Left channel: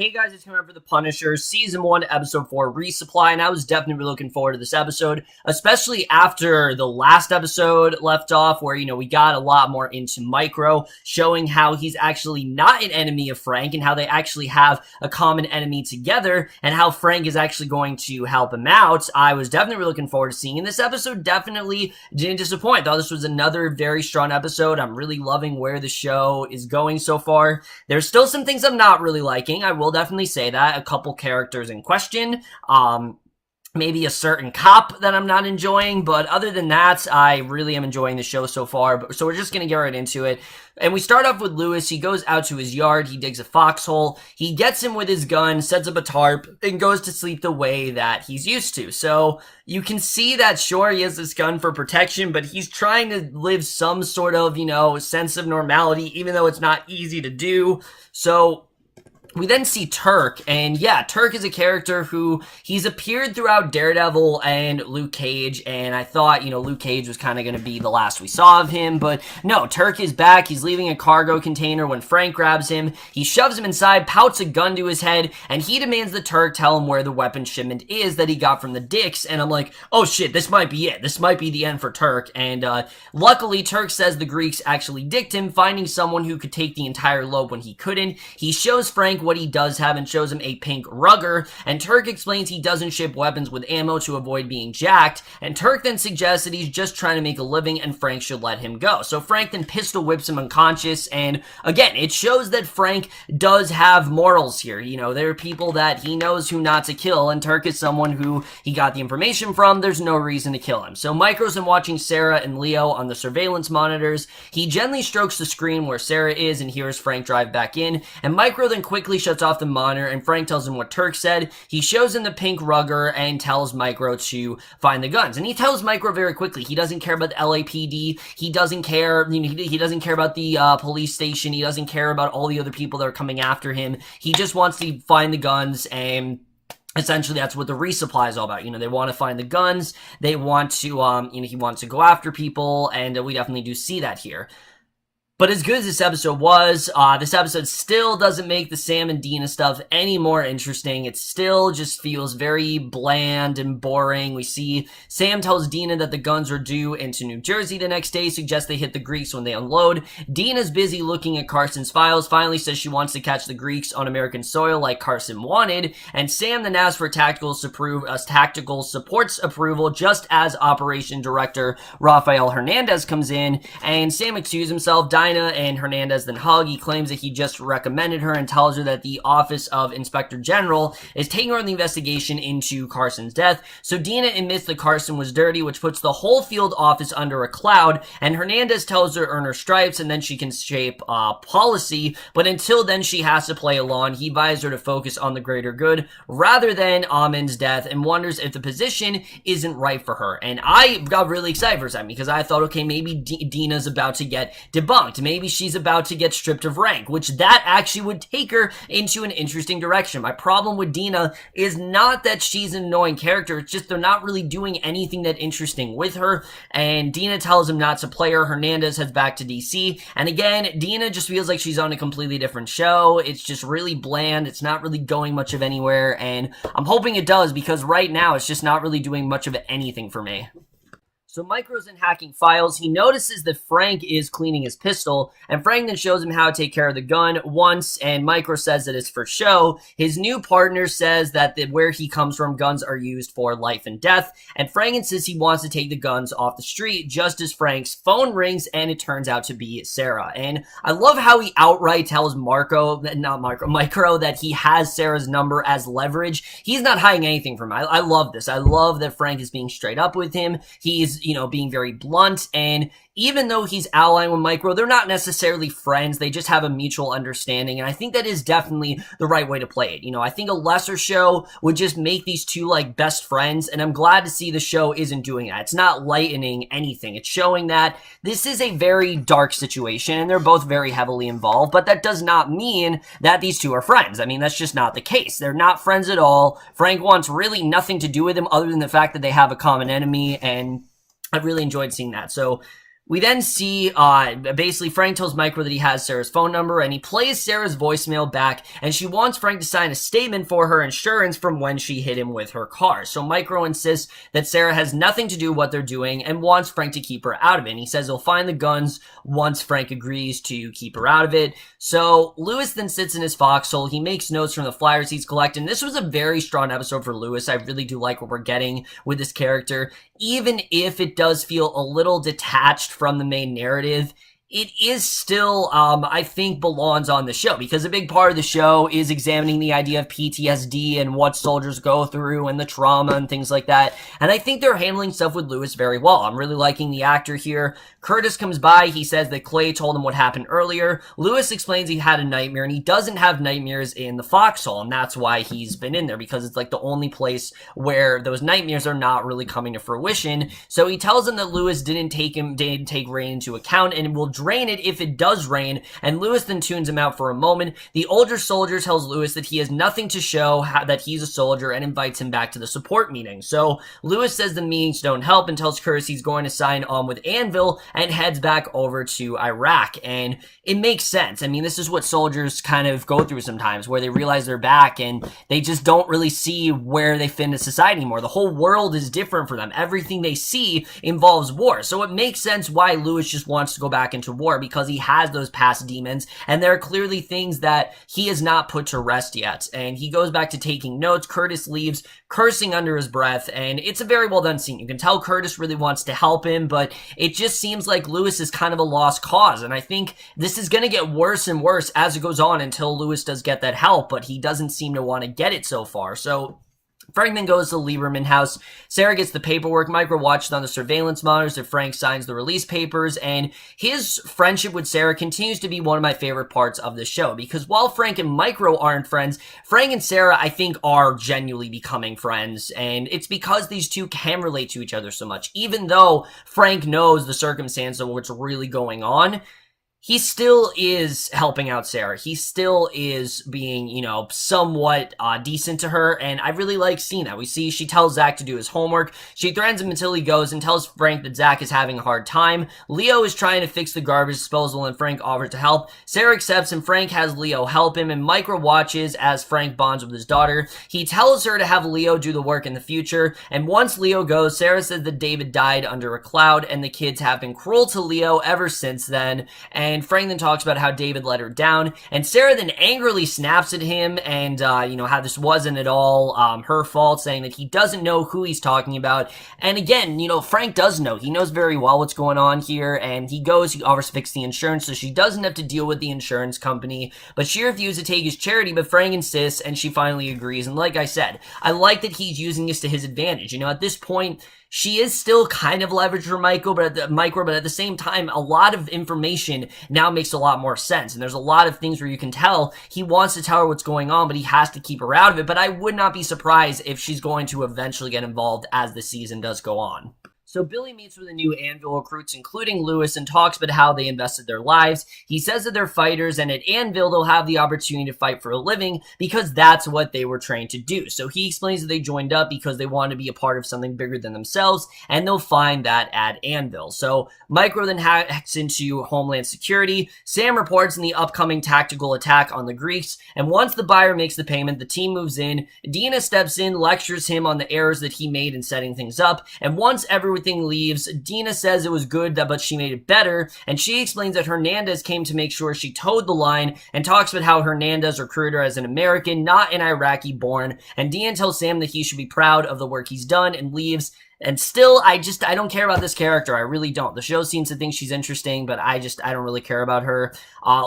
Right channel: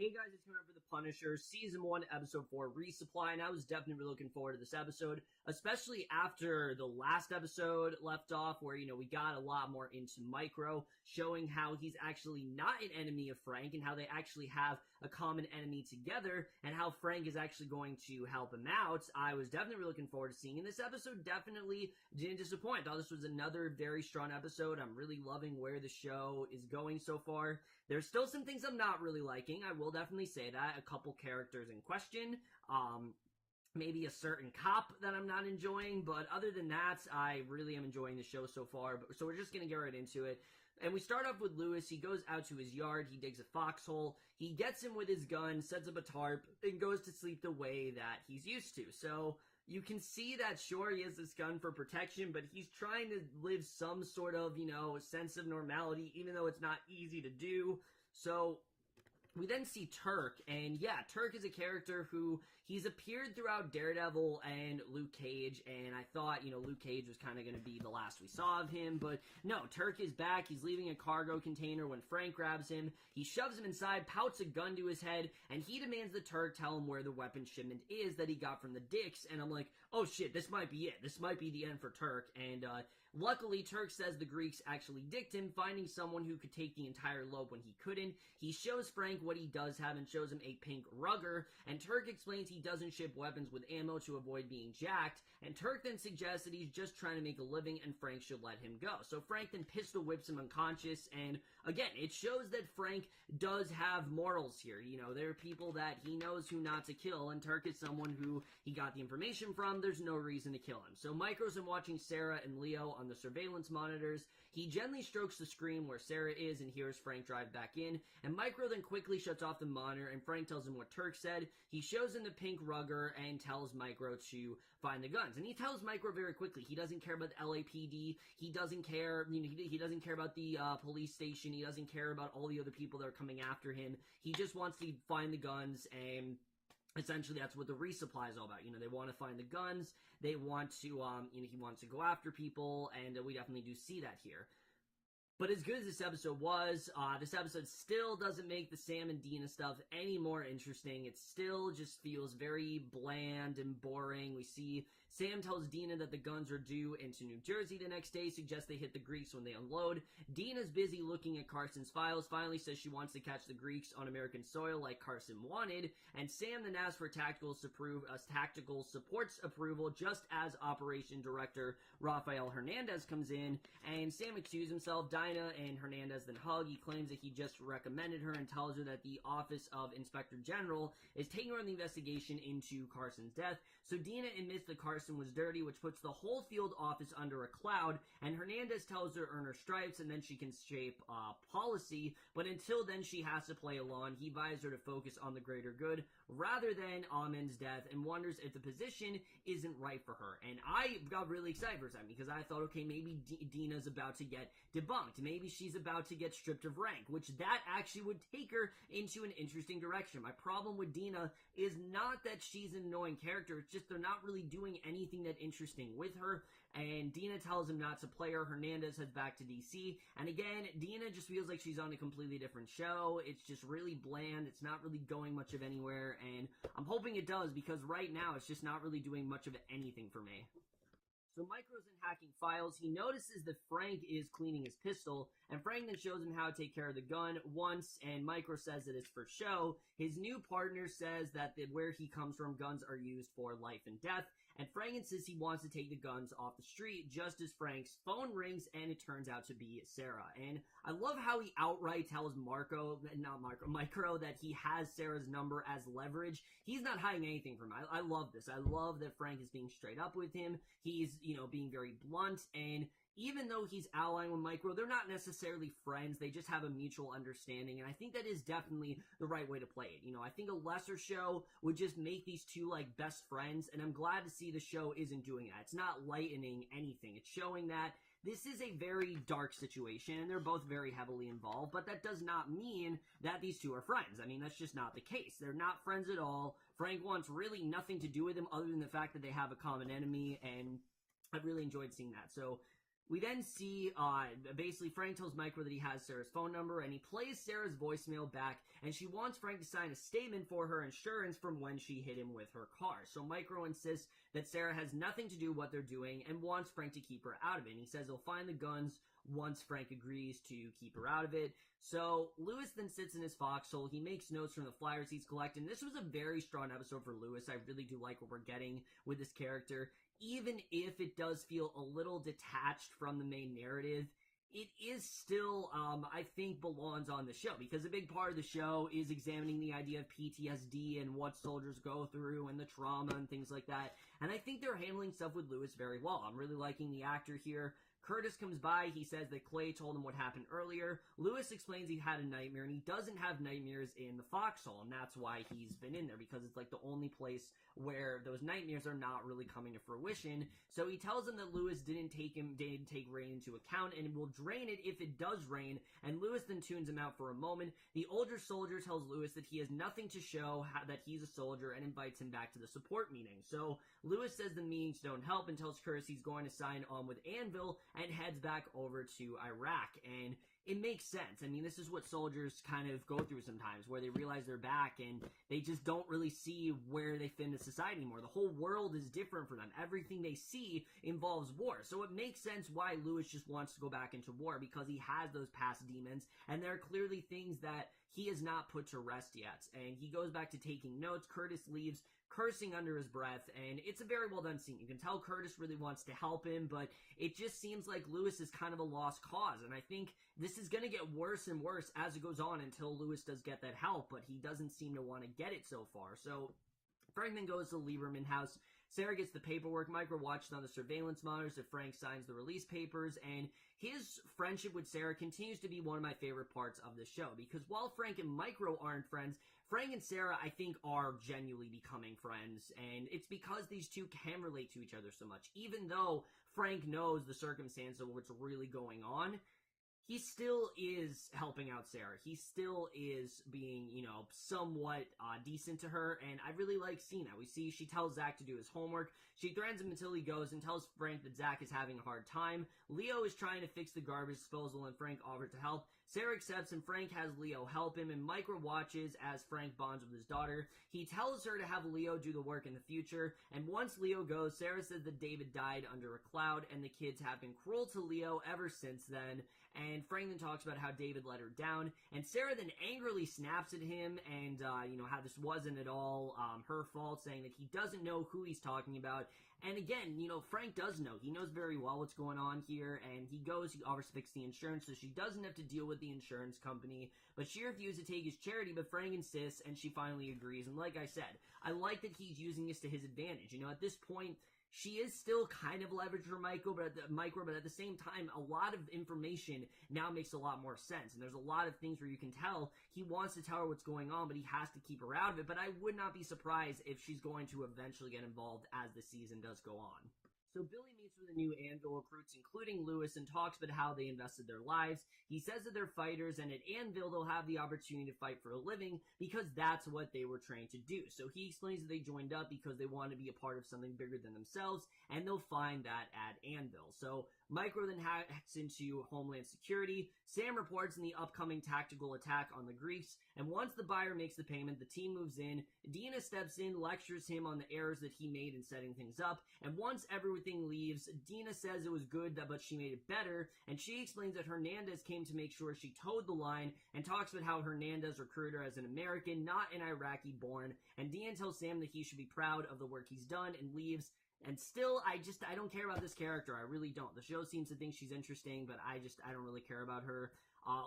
Hey guys, it's Newman for The Punisher, Season 1, Episode 4, Resupply, and I was definitely looking forward to this episode, especially after the last episode left off, where, we got a lot more into Micro, showing how he's actually not an enemy of Frank, and how they actually have a common enemy together, and how Frank is actually going to help him out. I was definitely looking forward to seeing, and this episode definitely didn't disappoint. I thought this was another very strong episode. I'm really loving where the show is going so far. There's still some things I'm not really liking, I will definitely say that. A couple characters in question, maybe a certain cop that I'm not enjoying, but other than that, I really am enjoying the show so far. So we're just gonna get right into it. And we start off with Lewis. He goes out to his yard, he digs a foxhole, he gets him with his gun, sets up a tarp, and goes to sleep the way that he's used to. So you can see that, sure, he has this gun for protection, but he's trying to live some sort of, sense of normality, even though it's not easy to do. So we then see Turk, and yeah, Turk is a character who he's appeared throughout Daredevil and Luke Cage, and I thought, Luke Cage was kind of going to be the last we saw of him, but no, Turk is back. He's leaving a cargo container when Frank grabs him. He shoves him inside, pouts a gun to his head, and he demands that Turk tell him where the weapon shipment is that he got from the Dicks, and I'm like, oh shit, this might be it. This might be the end for Turk, and luckily, Turk says the Greeks actually dicked him, finding someone who could take the entire load when he couldn't. He shows Frank what he does have and shows him a pink rugger, and Turk explains he doesn't ship weapons with ammo to avoid being jacked, and Turk then suggests that he's just trying to make a living and Frank should let him go. So Frank then pistol whips him unconscious, and again, it shows that Frank does have morals here. There are people that he knows who not to kill, and Turk is someone who he got the information from. There's no reason to kill him. So Micro's then watching Sarah and Leo on the surveillance monitors. He gently strokes the screen where Sarah is and hears Frank drive back in, and Micro then quickly shuts off the monitor, and Frank tells him what Turk said. He shows him the pink rugger and tells Micro to find the guns, and he tells Micro very quickly he doesn't care about the LAPD, he doesn't care, he doesn't care about the police station, he doesn't care about all the other people that are coming after him. He just wants to find the guns, and essentially, that's what the resupply is all about. They want to find the guns, they want to, he wants to go after people, and we definitely do see that here. But as good as this episode was, this episode still doesn't make the Sam and Dina stuff any more interesting. It still just feels very bland and boring. We see Sam tells Dina that the guns are due into New Jersey the next day, suggests they hit the Greeks when they unload. Dina's busy looking at Carson's files, finally says she wants to catch the Greeks on American soil like Carson wanted, and Sam then asks for tactical supports approval just as Operation Director Rafael Hernandez comes in, and Sam excuses himself. Dina and Hernandez then hug. He claims that he just recommended her and tells her that the Office of Inspector General is taking on the investigation into Carson's death. So Dina admits that Carson was dirty, which puts the whole field office under a cloud, and Hernandez tells her to earn her stripes and then she can shape policy, but until then she has to play along. He advised her to focus on the greater good rather than Amin's death, and wonders if the position isn't right for her. And I got really excited for a second because I thought, okay, maybe Dina's about to get debunked. Maybe she's about to get stripped of rank, which that actually would take her into an interesting direction. My problem with Dina is not that she's an annoying character, it's just they're not really doing anything that interesting with her, and Dina tells him not to play her. Hernandez heads back to DC, and again, Dina just feels like she's on a completely different show. It's just really bland, it's not really going much of anywhere, and I'm hoping it does, because right now it's just not really doing much of anything for me. So Micro's in hacking files. He notices that Frank is cleaning his pistol, and Frank then shows him how to take care of the gun once, and Micro says that it's for show. His new partner says that where he comes from, guns are used for life and death, and Frank insists he wants to take the guns off the street just as Frank's phone rings, and it turns out to be Sarah. And I love how he outright tells Micro that he has Sarah's number as leverage. He's not hiding anything from him. I love this. I love that Frank is being straight up with him. He's being very blunt, and even though he's allying with Micro, they're not necessarily friends. They just have a mutual understanding, and I think that is definitely the right way to play it. I think a lesser show would just make these two, best friends, and I'm glad to see the show isn't doing that. It's not lightening anything. It's showing that this is a very dark situation, and they're both very heavily involved, but that does not mean that these two are friends. I mean, that's just not the case. They're not friends at all. Frank wants really nothing to do with them other than the fact that they have a common enemy, and I really enjoyed seeing that. So We then see, basically Frank tells Micro that he has Sarah's phone number, and he plays Sarah's voicemail back, and she wants Frank to sign a statement for her insurance from when she hit him with her car. So Micro insists that Sarah has nothing to do with what they're doing and wants Frank to keep her out of it. And he says he'll find the guns once Frank agrees to keep her out of it. So Lewis then sits in his foxhole. He makes notes from the flyers he's collecting. This was a very strong episode for Lewis. I really do like what we're getting with this character. Even if it does feel a little detached from the main narrative, it is still, I think, belongs on the show, because a big part of the show is examining the idea of PTSD and what soldiers go through and the trauma and things like that. And I think they're handling stuff with Lewis very well. I'm really liking the actor here. Curtis comes by. He says that Clay told him what happened earlier. Lewis explains he had a nightmare, and he doesn't have nightmares in the foxhole, and that's why he's been in there, because it's like the only place where those nightmares are not really coming to fruition. So he tells him that Lewis didn't take rain into account and will drain it if it does rain, and Lewis then tunes him out for a moment. The older soldier tells Lewis that he has nothing to show that he's a soldier and invites him back to the support meeting. So Lewis says the meetings don't help and tells Curtis he's going to sign on with Anvil and heads back over to Iraq. And it makes sense. I mean, this is what soldiers kind of go through sometimes, where they realize they're back and they just don't really see where they fit into society anymore. The whole world is different for them. Everything they see involves war. So it makes sense why Lewis just wants to go back into war, because he has those past demons, and there are clearly things that he has not put to rest yet. And he goes back to taking notes. Curtis leaves, cursing under his breath, and it's a very well done scene. You can tell Curtis really wants to help him, but it just seems like Lewis is kind of a lost cause, and I think this is going to get worse and worse as it goes on until Lewis does get that help, but he doesn't seem to want to get it so far. So Frank then goes to the Lieberman house. Sarah gets the paperwork. Micro watches on the surveillance monitors as Frank signs the release papers, and his friendship with Sarah continues to be one of my favorite parts of the show, because while Frank and Micro aren't friends, Frank and Sarah, I think, are genuinely becoming friends, and it's because these two can relate to each other so much. Even though Frank knows the circumstance of what's really going on, he still is helping out Sarah. He still is being, somewhat decent to her, and I really like seeing that. We see she tells Zach to do his homework. She threatens him until he goes and tells Frank that Zach is having a hard time. Leo is trying to fix the garbage disposal, and Frank offers to help. Sarah accepts, and Frank has Leo help him, and Micro watches as Frank bonds with his daughter. He tells her to have Leo do the work in the future, and once Leo goes, Sarah says that David died under a cloud, and the kids have been cruel to Leo ever since then, and Frank then talks about how David let her down, and Sarah then angrily snaps at him and, how this wasn't at all her fault, saying that he doesn't know who he's talking about. And again, Frank does know. He knows very well what's going on here, and he offers to fix the insurance so she doesn't have to deal with the insurance company, but she refuses to take his charity, but Frank insists, and she finally agrees. And like I said, I like that he's using this to his advantage. At this point, she is still kind of leveraged for Micro, but at the same time, a lot of information now makes a lot more sense. And there's a lot of things where you can tell he wants to tell her what's going on, but he has to keep her out of it. But I would not be surprised if she's going to eventually get involved as the season does go on. So Billy meets with the new Anvil recruits, including Lewis, and talks about how they invested their lives. He says that they're fighters, and at Anvil, they'll have the opportunity to fight for a living because that's what they were trained to do. So he explains that they joined up because they want to be a part of something bigger than themselves, and they'll find that at Anvil. So Micro then hacks into Homeland Security. Sam reports in the upcoming tactical attack on the Greeks, and once the buyer makes the payment, the team moves in. Dina steps in, lectures him on the errors that he made in setting things up, and once everything leaves, Dina says it was good, but she made it better, and she explains that Hernandez came to make sure she towed the line, and talks about how Hernandez recruited her as an American, not an Iraqi born, and Dina tells Sam that he should be proud of the work he's done, and leaves. And still, I don't care about this character. I really don't. The show seems to think she's interesting, but I don't really care about her.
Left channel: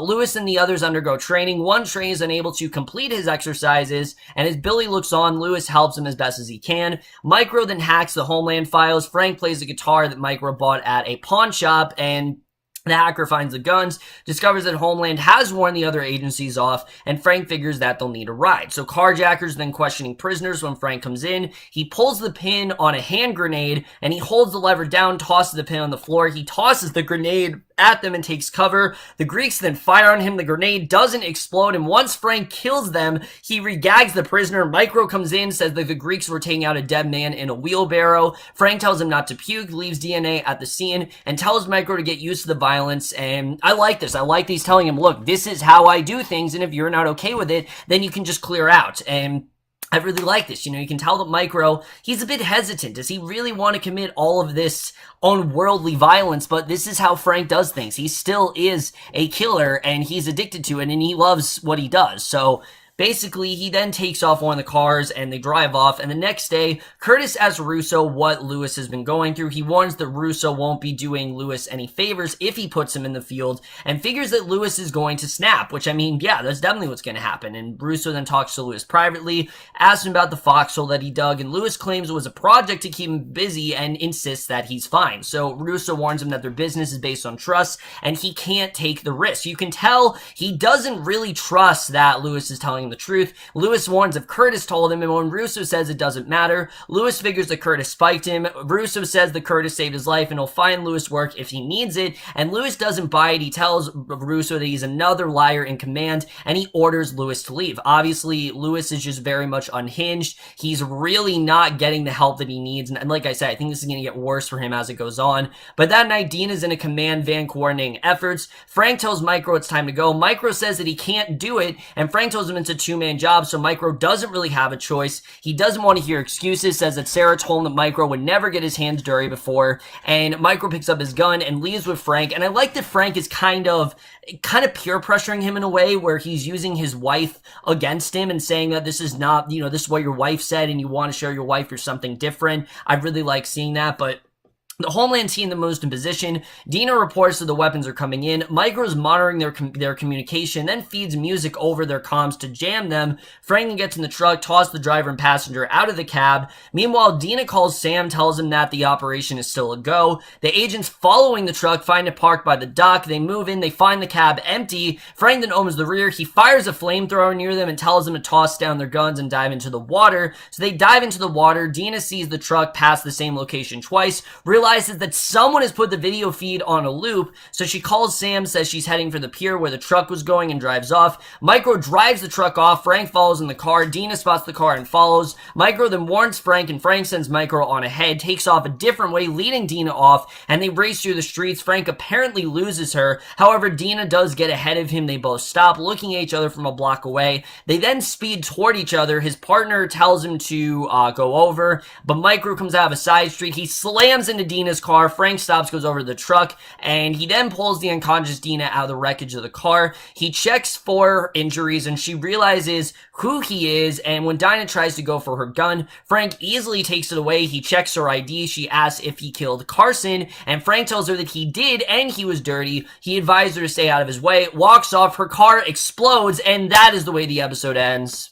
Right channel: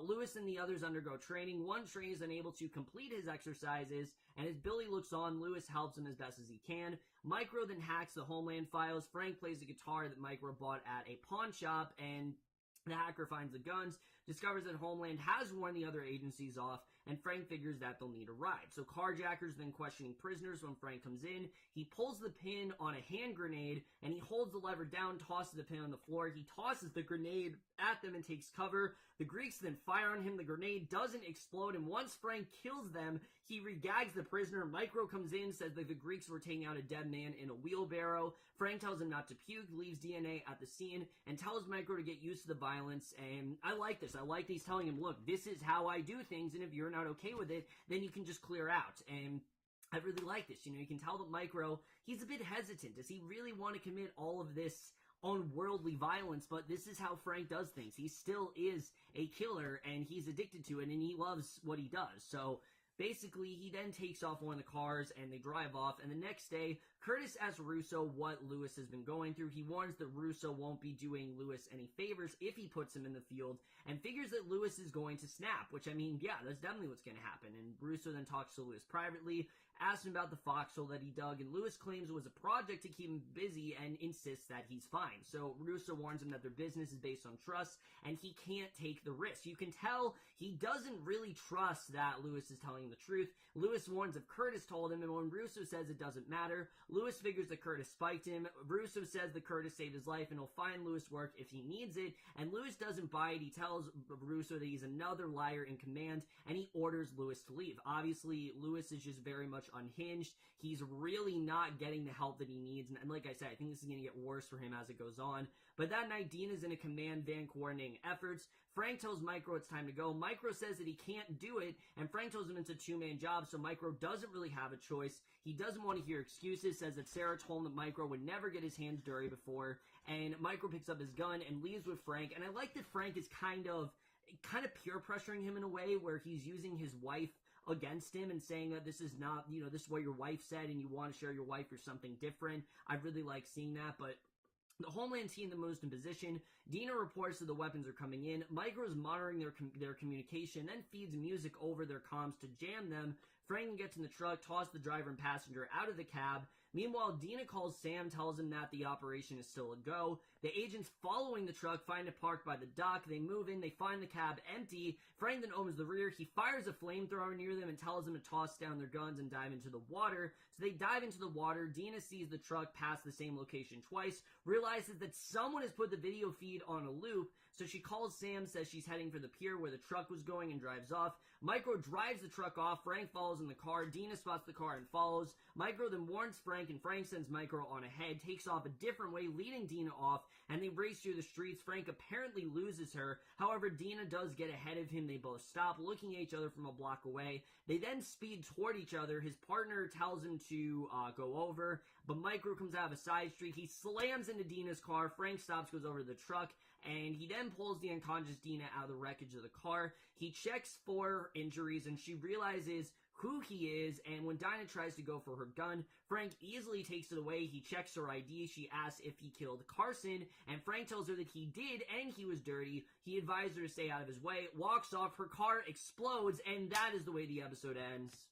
Lewis and the others undergo training. One trainee is unable to complete his exercises, and as Billy looks on, Lewis helps him as best as he can. Micro then hacks the Homeland files. Frank plays the guitar that Micro bought at a pawn shop, and The hacker finds the guns, discovers that Homeland has warned the other agencies off, and Frank figures that they'll need a ride. So carjackers then questioning prisoners when Frank comes in. He pulls the pin on a hand grenade, and he holds the lever down, tosses the pin on the floor. He tosses the grenade at them and takes cover. The Greeks then fire on him. The grenade doesn't explode, and once Frank kills them, he regags the prisoner. Micro comes in, says that the Greeks were taking out a dead man in a wheelbarrow. Frank tells him not to puke, leaves DNA at the scene, and tells Micro to get used to the violence. And I like this. I like these telling him, look, this is how I do things, and if you're not okay with it, then you can just clear out. And I really like this. You can tell that Micro, he's a bit hesitant. Does he really want to commit all of this unworldly violence? But this is how Frank does things. He still is a killer, and he's addicted to it, and he loves what he does. So basically, he then takes off one of the cars and they drive off. And the next day, Curtis asks Russo what Lewis has been going through. He warns that Russo won't be doing Lewis any favors if he puts him in the field, and figures that Lewis is going to snap, which, I mean, yeah, that's definitely what's going to happen. And Russo then talks to Lewis privately, asks him about the foxhole that he dug, and Lewis claims it was a project to keep him busy and insists that he's fine. So Russo warns him that their business is based on trust, and he can't take the risk. You can tell he doesn't really trust that Lewis is telling him the truth. Lewis warns if Curtis told him, and when Russo says it doesn't matter, Lewis figures that Curtis spiked him. Russo says that Curtis saved his life and he'll find Lewis work if he needs it, and Lewis doesn't buy it. He tells Russo that he's another liar in command, and he orders Lewis to leave. Obviously, Lewis is just very much unhinged. He's really not getting the help that he needs, and like I said, I think this is going to get worse for him as it goes on. But that night, Dean is in a command van coordinating efforts. Frank tells Micro it's time to go. Micro says that he can't do it, and Frank tells him it's a two-man job, so Micro doesn't really have a choice. He doesn't want to hear excuses, says that Sarah told him that Micro would never get his hands dirty before, and Micro picks up his gun and leaves with Frank. And I like that Frank is kind of peer pressuring him in a way where he's using his wife against him and saying that this is not, this is what your wife said and you want to show your wife you're something different. I really like seeing that. But the Homeland team that moves in position. Dina reports that the weapons are coming in. Micro's monitoring their communication, then feeds music over their comms to jam them. Franklin gets in the truck, tosses the driver and passenger out of the cab. Meanwhile, Dina calls Sam, tells him that the operation is still a go. The agents following the truck find it parked by the dock. They move in, they find the cab empty. Franklin opens the rear. He fires a flamethrower near them and tells them to toss down their guns and dive into the water. So they dive into the water. Dina sees the truck pass the same location twice, realizes that someone has put the video feed on a loop, so she calls Sam, says she's heading for the pier where the truck was going, and drives off. Micro drives the truck off. Frank follows in the car. Dina spots the car and follows. Micro then warns Frank, and Frank sends Micro on ahead, takes off a different way, leading Dina off, and they race through the streets. Frank apparently loses her. However, Dina does get ahead of him. They both stop, looking at each other from a block away. They then speed toward each other. His partner tells him to go over, but Micro comes out of a side street. He slams into Dina's car. Frank stops, goes over to the truck, and he then pulls the unconscious Dina out of the wreckage of the car. He checks for injuries, and she realizes who he is, and when Dinah tries to go for her gun, Frank easily takes it away. He checks her ID. She asks if he killed Carson, and Frank tells her that he did, and he was dirty. He advised her to stay out of his way, walks off, her car explodes, and that is the way the episode ends.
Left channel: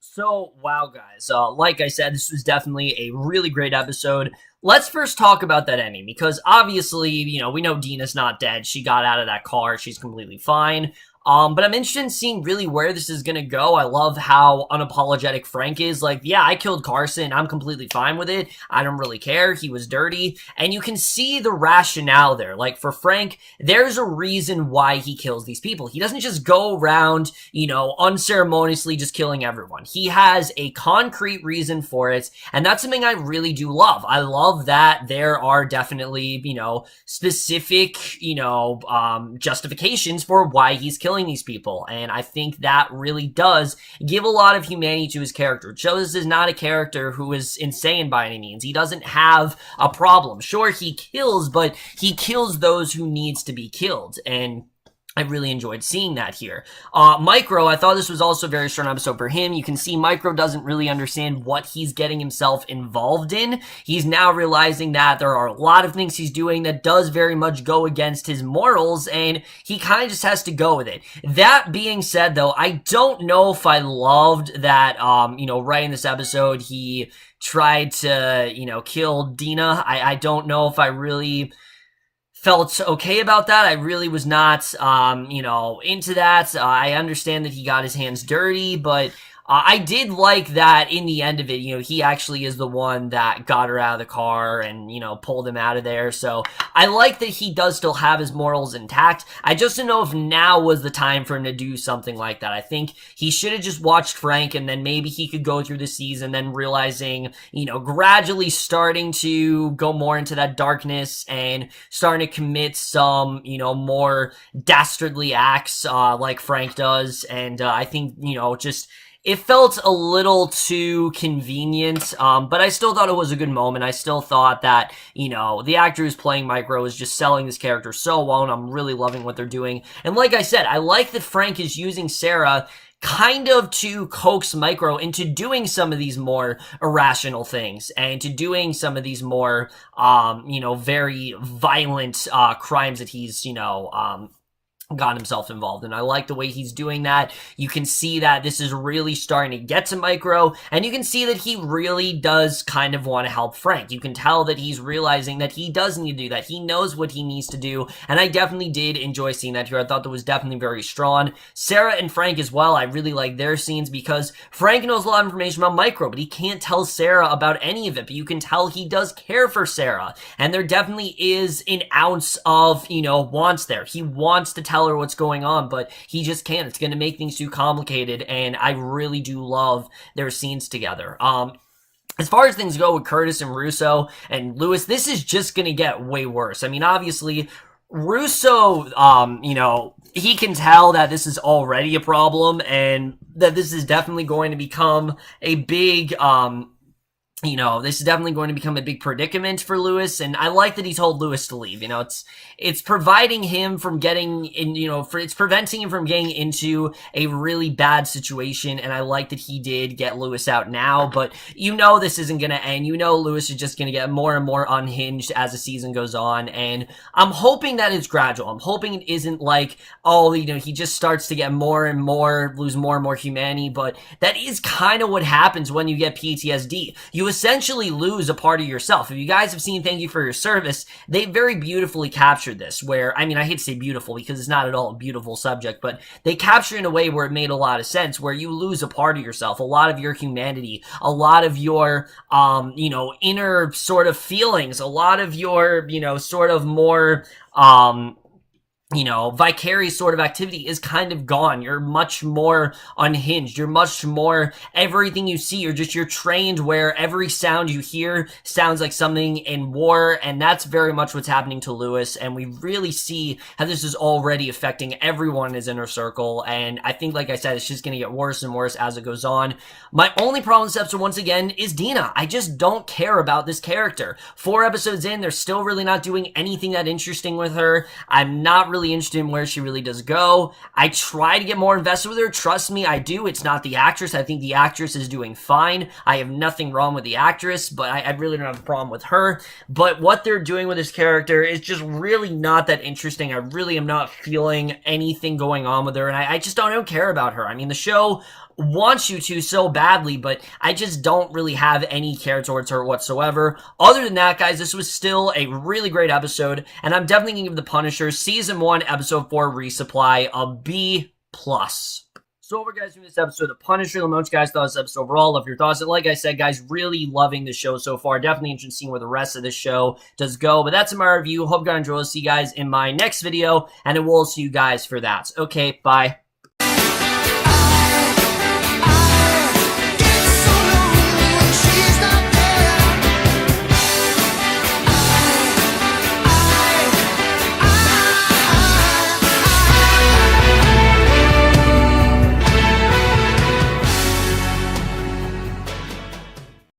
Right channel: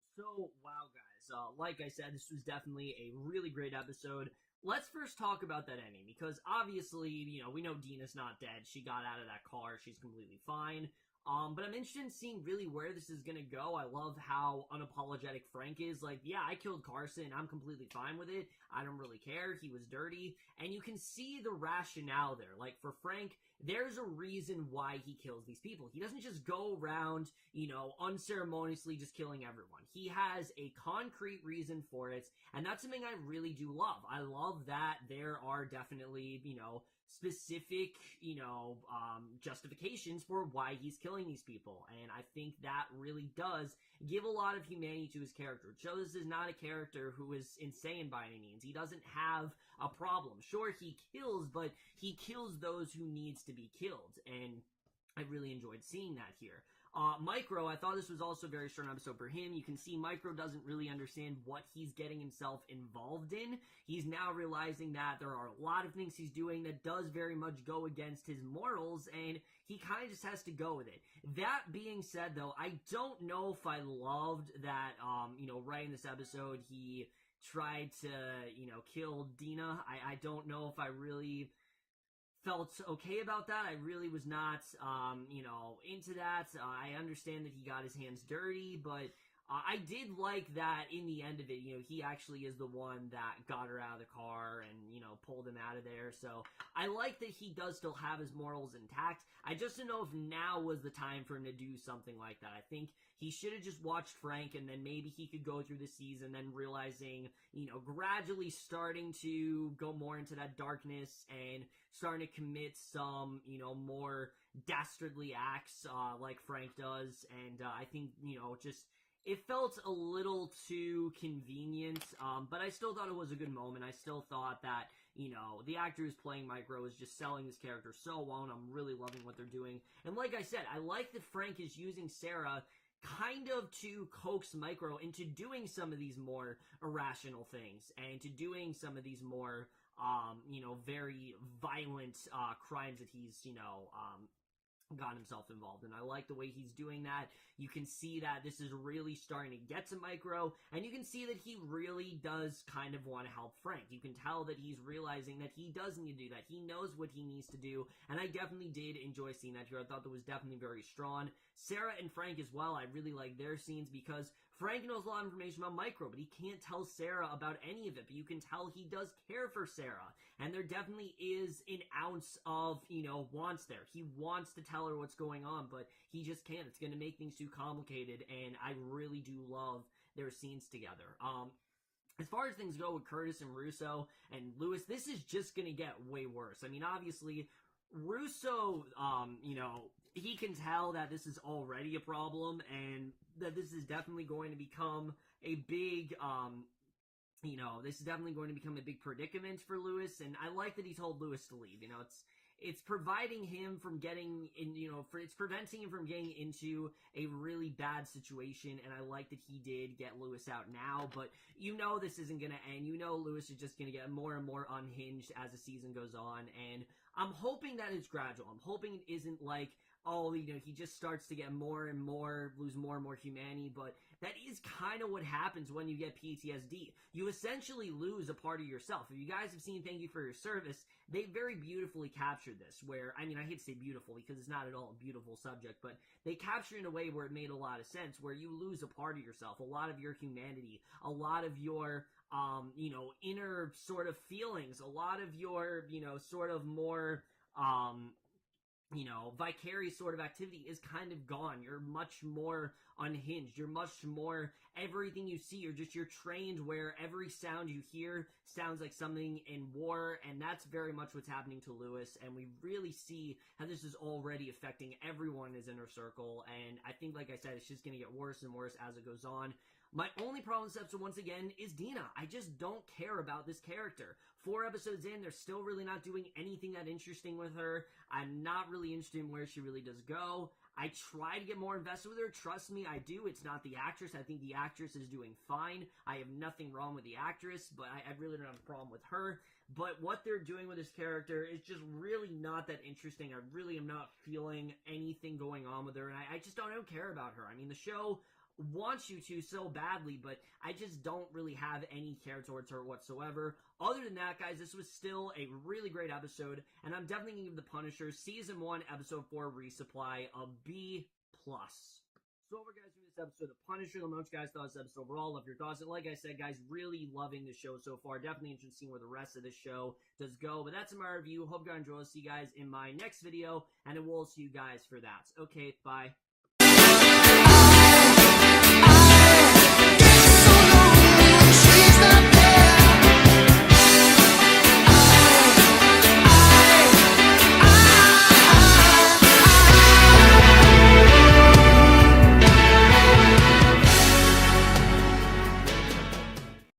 So, wow, guys, like I said, this was definitely a really great episode. Let's first talk about that ending, because obviously, we know Dina's not dead. She got out of that car. She's completely fine. But I'm interested in seeing really where this is gonna go. I love how unapologetic Frank is. Like, yeah, I killed Carson. I'm completely fine with it. I don't really care. He was dirty. And you can see the rationale there. Like, for Frank, there's a reason why he kills these people. He doesn't just go around, unceremoniously just killing everyone. He has a concrete reason for it. And that's something I really do love. I love that there are definitely, specific, justifications for why he's killing these people, and I think that really does give a lot of humanity to his character. It shows this is not a character who is insane by any means. He doesn't have a problem. Sure, he kills, but he kills those who needs to be killed, and I really enjoyed seeing that here. Micro, I thought this was also a very strong episode for him. You can see Micro doesn't really understand what he's getting himself involved in. He's now realizing that there are a lot of things he's doing that does very much go against his morals, and he kind of just has to go with it. That being said, though, I don't know if I loved that, right in this episode, he tried to, kill Dina. I don't know if I really felt okay about that. I really was not, into that. I understand that he got his hands dirty, but I did like that in the end of it, he actually is the one that got her out of the car and, pulled him out of there. So I like that he does still have his morals intact. I just don't know if now was the time for him to do something like that. I think he should have just watched Frank, and then maybe he could go through the season, then realizing, gradually starting to go more into that darkness and starting to commit some, more dastardly acts like Frank does. And I think, just it felt a little too convenient, but I still thought it was a good moment. I still thought that, the actor who's playing Micro is just selling this character so well, and I'm really loving what they're doing. And like I said, I like that Frank is using Sarah kind of to coax Micro into doing some of these more irrational things and to doing some of these more, very violent crimes that he's, got himself involved in. I like the way he's doing that. You can see that this is really starting to get to Micro, and you can see that he really does kind of want to help Frank. You can tell that he's realizing that he does need to do that. He knows what he needs to do, and I definitely did enjoy seeing that here. I thought that was definitely very strong. Sarah and Frank as well, I really like their scenes because Frank knows a lot of information about Micro, but he can't tell Sarah about any of it, but you can tell he does care for Sarah, and there definitely is an ounce of, wants there. He wants to tell her what's going on, but he just can't. It's going to make things too complicated, and I really do love their scenes together. As far as things go with Curtis and Russo and Lewis, this is just going to get way worse. I mean, obviously, Russo, he can tell that this is already a problem and that this is definitely going to become a big, this is definitely going to become a big predicament for Lewis, and I like that he told Lewis to leave. It's preventing him from getting in, it's preventing him from getting into a really bad situation, and I like that he did get Lewis out now, but this isn't going to end. Lewis is just going to get more and more unhinged as the season goes on, and I'm hoping that it's gradual. I'm hoping it isn't like, he just starts to get more and more, lose more and more humanity, but that is kind of what happens when you get PTSD. You essentially lose a part of yourself. If you guys have seen Thank You for Your Service, they very beautifully captured this, where, I hate to say beautiful because it's not at all a beautiful subject, but they capture it in a way where it made a lot of sense, where you lose a part of yourself, a lot of your humanity, a lot of your, inner sort of feelings, a lot of your, sort of more, vicarious sort of activity is kind of gone. You're much more unhinged. You're much more, everything you see, you're trained where every sound you hear sounds like something in war, and that's very much what's happening to Lewis, and we really see how this is already affecting everyone in his inner circle, and I think, like I said, it's just going to get worse and worse as it goes on. My only problem with this episode, once again, is Dina. I just don't care about this character. 4 episodes in, they're still really not doing anything that interesting with her. I'm not really interested in where she really does go. I try to get more invested with her. Trust me, I do. It's not the actress. I think the actress is doing fine. I have nothing wrong with the actress, but I really don't have a problem with her. But what they're doing with this character is just really not that interesting. I really am not feeling anything going on with her, and I just don't care about her. The show wants you to so badly, but I just don't really have any care towards her whatsoever. Other than that, guys, this was still a really great episode, and I'm definitely going to give The Punisher Season 1, Episode 4 Resupply a B+. So over, guys, from this episode of The Punisher, let me know what you guys thought of this episode overall. Love your thoughts. And like I said, guys, really loving the show so far. Definitely interested in seeing where the rest of this show does go. But that's my review. Hope you guys enjoy. I'll see you guys in my next video, and I will see you guys for that. Okay, bye. She's not